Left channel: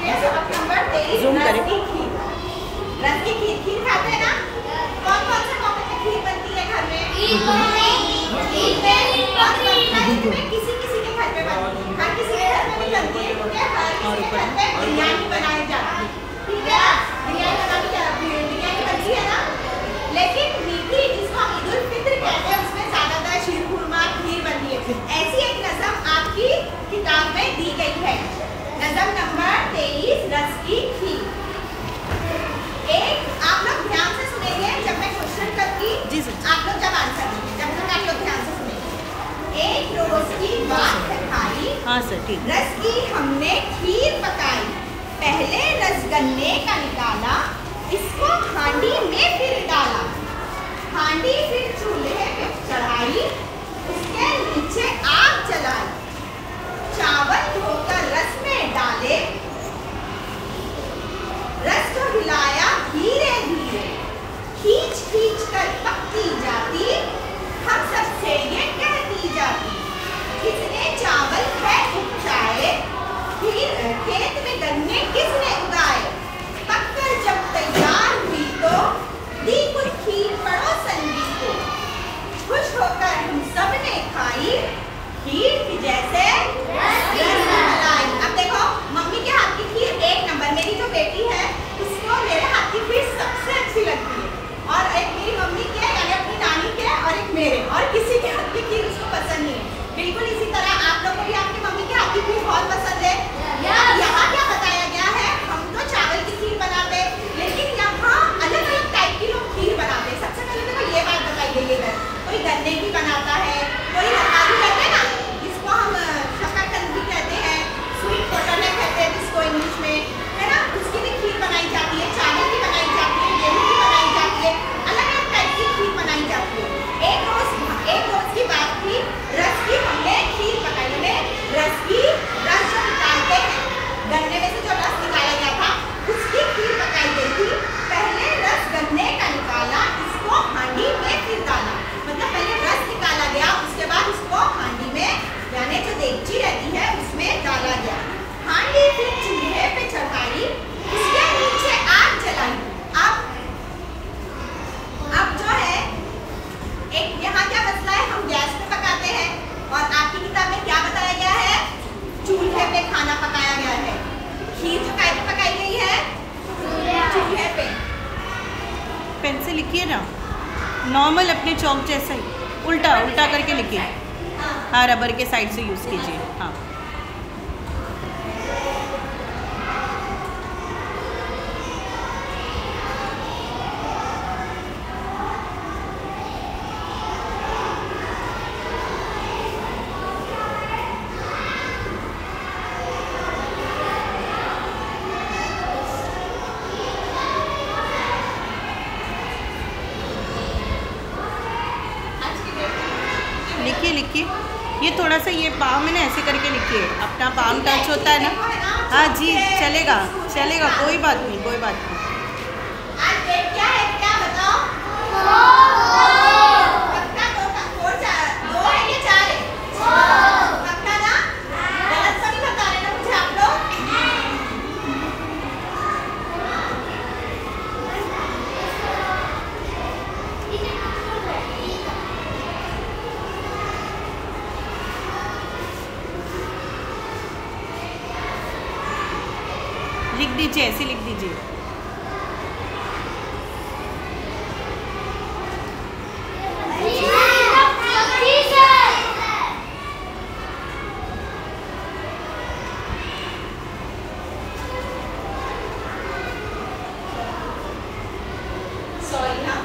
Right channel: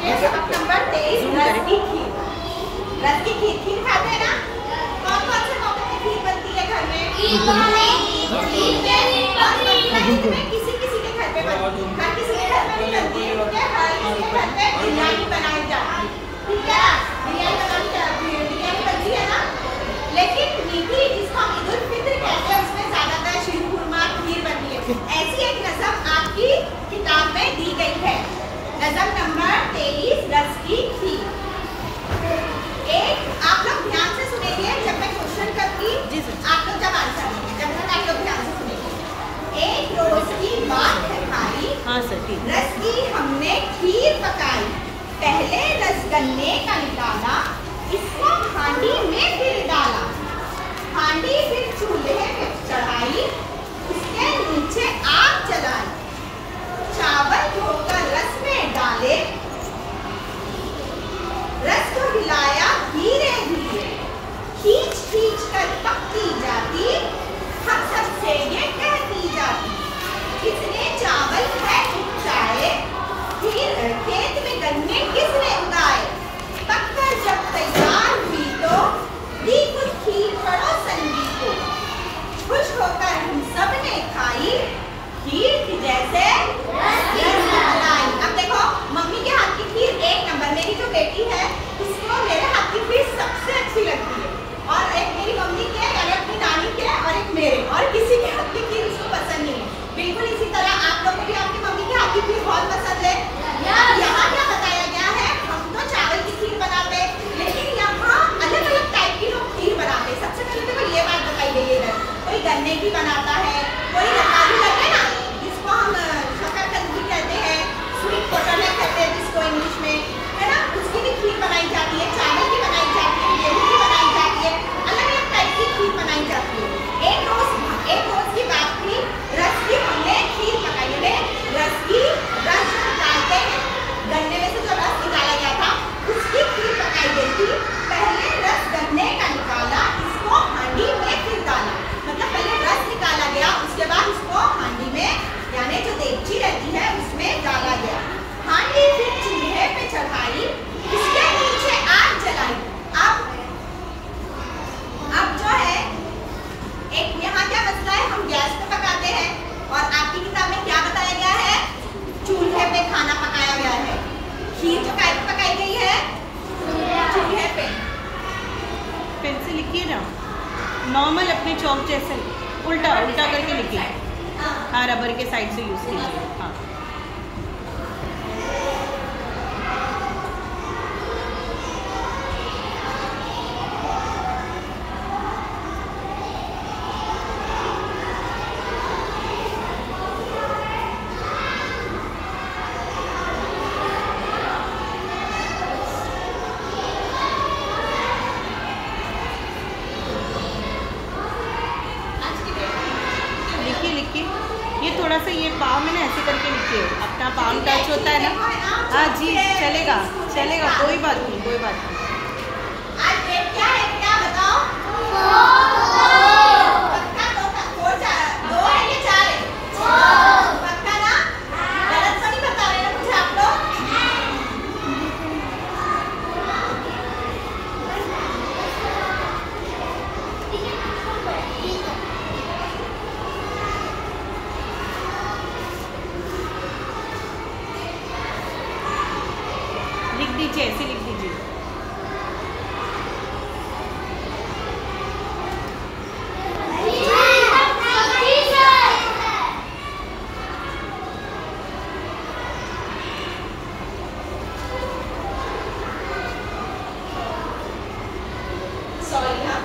Okay, सबक number 23, रस की खीर। रस की खीर, खीर खाते हैं ना? कौन कौन से मौके पे खीर बनती है घर में? ईद में किसी किसी के घर पे बनती है, हर किसी के घर में नहीं बनती है, ठीक है? हर किसी के घर पे बिरयानी बनाई जाती है, ठीक है? बिरयानी बनती है ना? लेकिन मीठी जिसको हम ईद उल फित्र कहते हैं उसमें ज्यादातर शीर खुरमा खीर बनती है। ऐसी एक रस्म आपकी किताब में दी गई है। रस्म नंबर 23, रस की खीर। एक आप लोग ध्यान से सुनेंगे जब मैं क्वेश्चन करती, आप लोग जब आंसर देंगे, जब तक आप लोग ध्यान से सुनेंगे। एक रोज की बात है भाई, हाँ सर ठीक। रस की हमने खीर पकाई, पहले रस गन्ने का निकाला, इसको हांडी में फिर डाला, हांडी फिर चूल्हे पे चढ़ाई, उसके नीचे आग जलाई, चावल धोकर रस में डाले, रस को हिलाया धीरे धीरे, खींच खींच कर पकती जाती, हम सबसे ये कहती जाती, कितने चावल है उपजाए, खेत में गन्ने किसने उगाए, पककर जब तैयार हुई तो दी कुछ खीर पड़ोसन भी को, खुश होकर हम सब ने खाई, खीर की जैसे रसमलाई। अब देखो मम्मी के हाथ की खीर एक नंबर, मेरी जो बेटी है उसको मेरे हाथ की खीर सबसे अच्छी लगती है, और एक मेरी मम्मी के यानी अपनी नानी के, और एक मेरे, और किसी के हाथ की खीर उसको पसंद नहीं है। बिल्कुल इसी तरह आप लोगों को भी आपकी मम्मी के हाथ की खीर बहुत पसंद है। यहाँ क्या बताया गया है, हम तो चावल की खीर बनाते हैं, लेकिन यहाँ अलग अलग टाइप की लोग खीर बनाते हैं। सबसे पहले तो ये बात बताई गई है, कोई गन्ने की बनाता है, कोई रतालू कहते हैं ना, जिसको हम शकरकंदी कहते हैं, स्वीट पोटैटो कहते हैं जिसको इंग्लिश में, है ना, उसकी भी खीर बनाई जाती है, चावल की बनाई जाती है, गेहूं की बनाई जाती है, अलग अलग टाइप की खीर बनाई जाती है। एक रोज की बात थी, रस की हमने खीर पकाई, रस की रस जो निकालते हैं, गन्ने में से जो रस निकाला गया था उसकी खीर पकाई गई थी, पहले रस गन्ने का निकाला, इसको हांडी में फिर डाला, मतलब पहले रस निकाला गया, उसके बाद इसको हांडी में यानी जो देगची रहती है उसमें डाला गया, हांडी फिर चूल्हे पे चढ़ाई, उसके नीचे आग जलाई। अब जो है एक यहाँ क्या मसला है, हम गैस पे पकाते हैं और आपकी किताब में क्या बताया गया है, चूल्हे पे खाना पकाया गया है। खीर जो काय पे पकाई गई है, चूल्हे पे। पेन से लिखिए ना, नॉर्मल अपने चौक जैसे उल्टा उल्टा करके लिखिए, हाँ रबर के साइड से यूज कीजिए। हाँ लिखिए लिखिए, ये थोड़ा सा ये पाँव में ना ऐसे करके लिखिए, अपना पाँव टच होता है ना। हाँ जी चलेगा चलेगा, कोई बात नहीं कोई बात नहीं। आज डेट क्या है, क्या बताओ? पक्का दो है या चार है? पक्का ना? गलत तो नहीं बता रहे ना मुझे आप लोग? लिख दीजिए, ऐसे लिख दीजिए। सॉरी हाँ,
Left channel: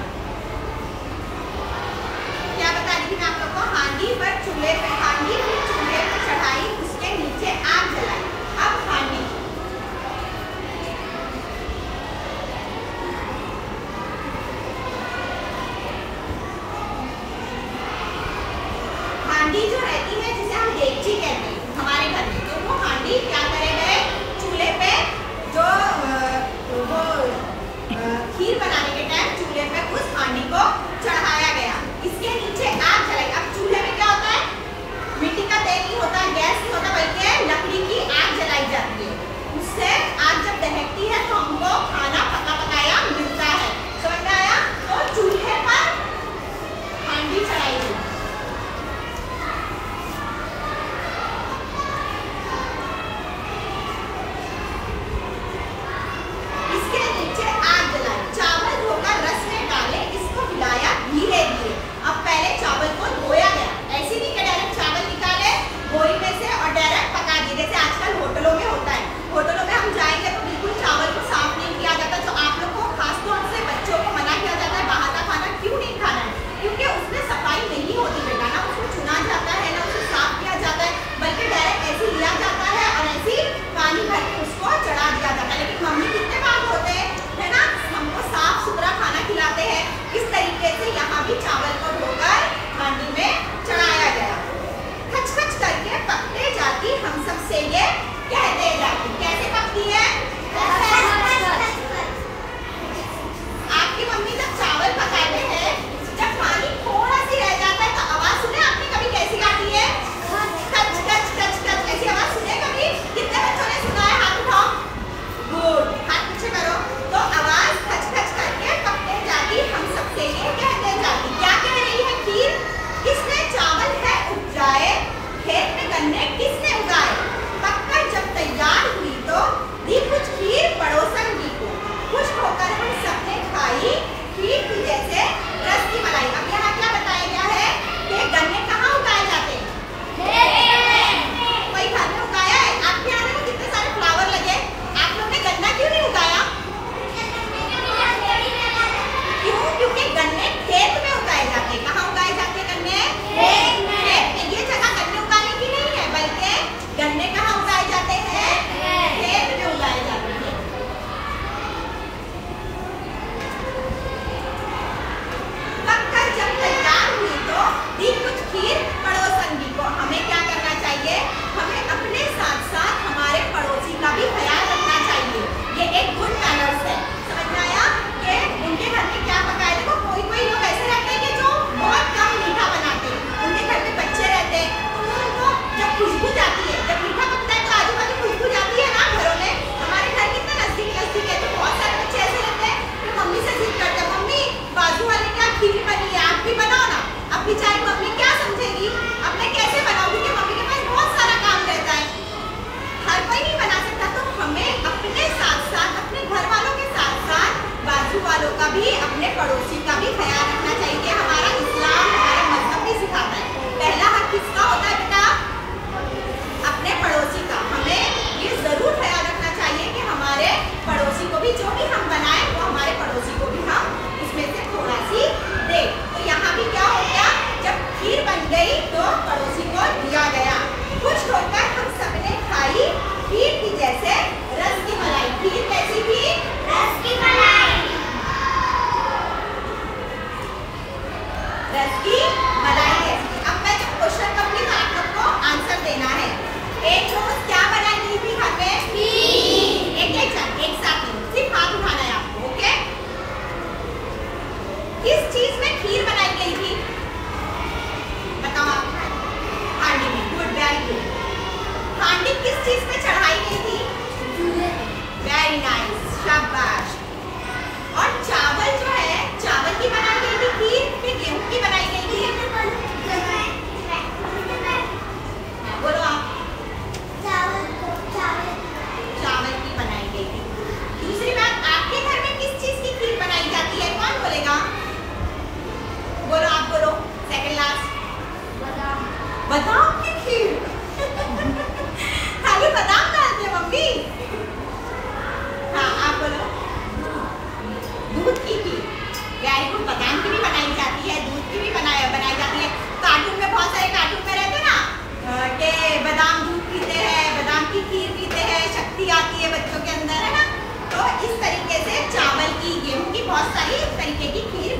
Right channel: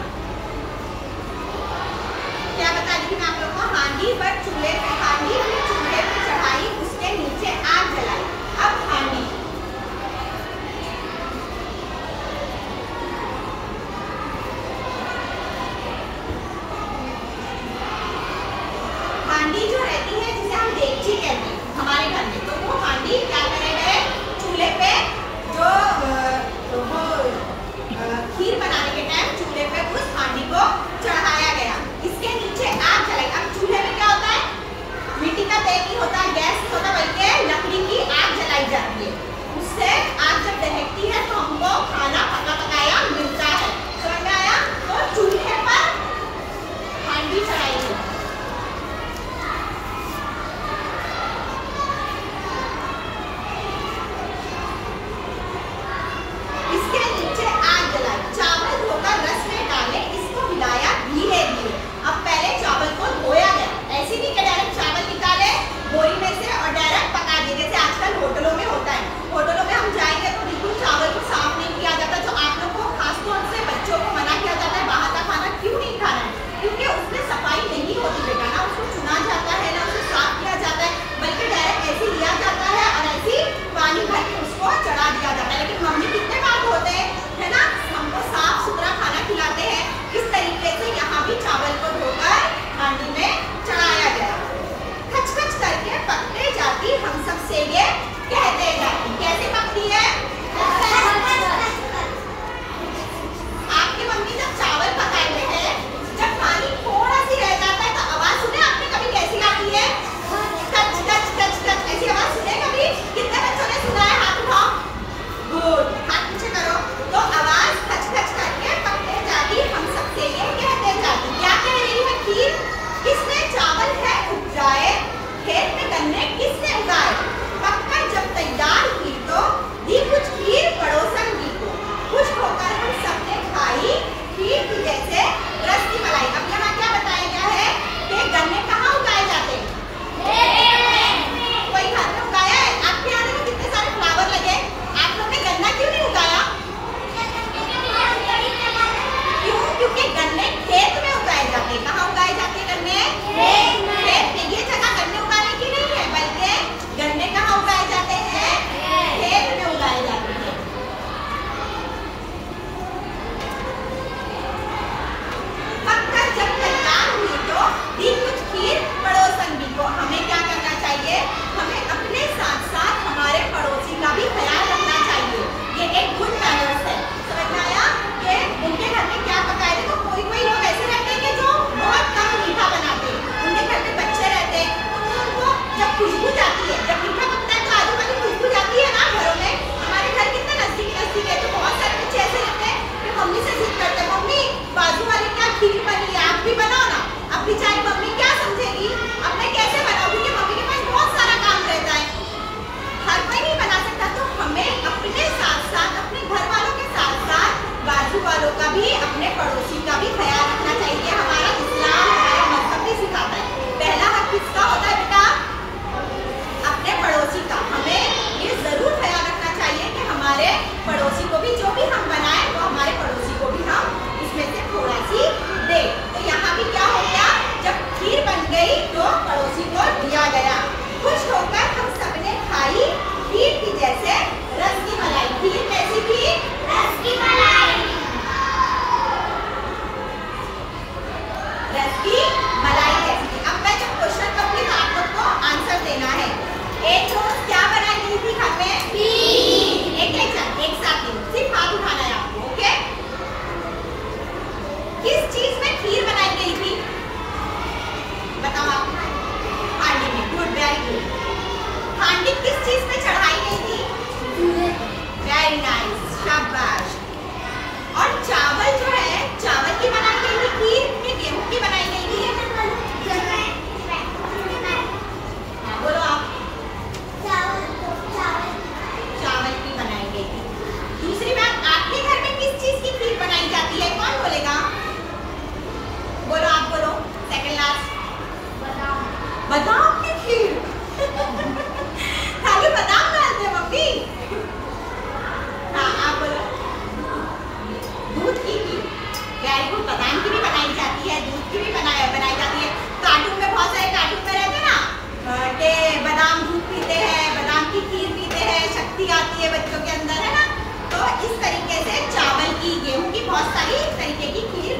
क्या बता रही थी मैं आप लोग को, हांडी पर चूल्हे पे, हांडी फिर चूल्हे पे चढ़ाई, उसके नीचे आग जलाई। अब हांडी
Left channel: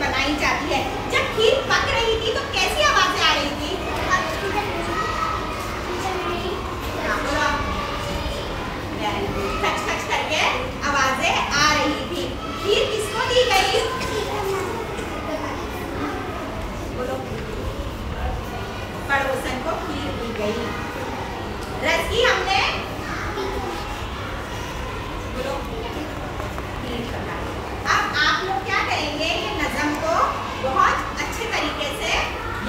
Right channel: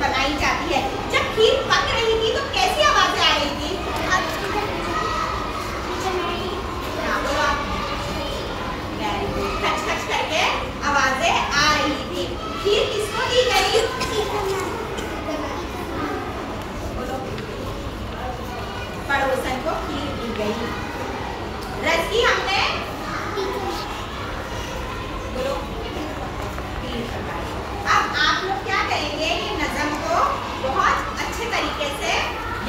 बनाई जाती है। जब खीर पक रही थी तो कैसी आवाजें आ रही थी? बोलो आप। खच खच करके आवाजें आ रही थी। खीर किसको दी गई? बोलो। पड़ोसन को खीर दी गई। रस की हमने बोलो खीर पकाई। अब आप लोग क्या करेंगे कि नज़म को बहुत अच्छे तरीके से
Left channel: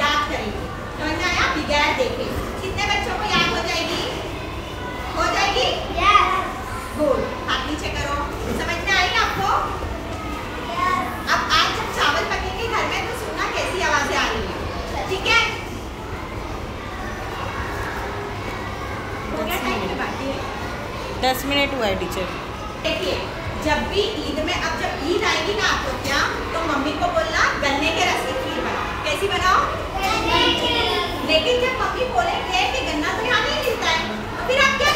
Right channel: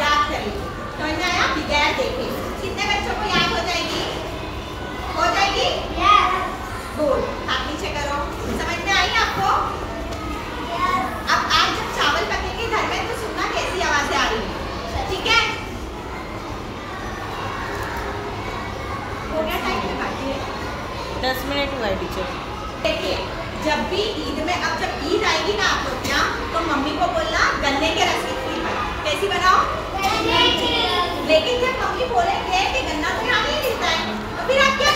याद करेंगे। समझ में आया? बगैर देखे कितने बच्चों को याद हो जाएगी? हो जाएगी? गुड। हाथ नीचे करो। समझ में आई आपको? अब आज जब चावल पकेंगे घर में तो सुनना कैसी आवाजें आ रही है। ठीक है? हो गया टाइम पे बात? 10 मिनट हुआ है टीचर। देखिए जब भी ईद में, अब जब ईद आएगी ना आपको क्या, तो मम्मी को बोलना गन्ने के रस की खीर बनाओ। कैसी बनाओ? लेकिन जब मम्मी बोलेंगे कि गन्ना तो यहाँ नहीं मिलता है तो फिर आप क्या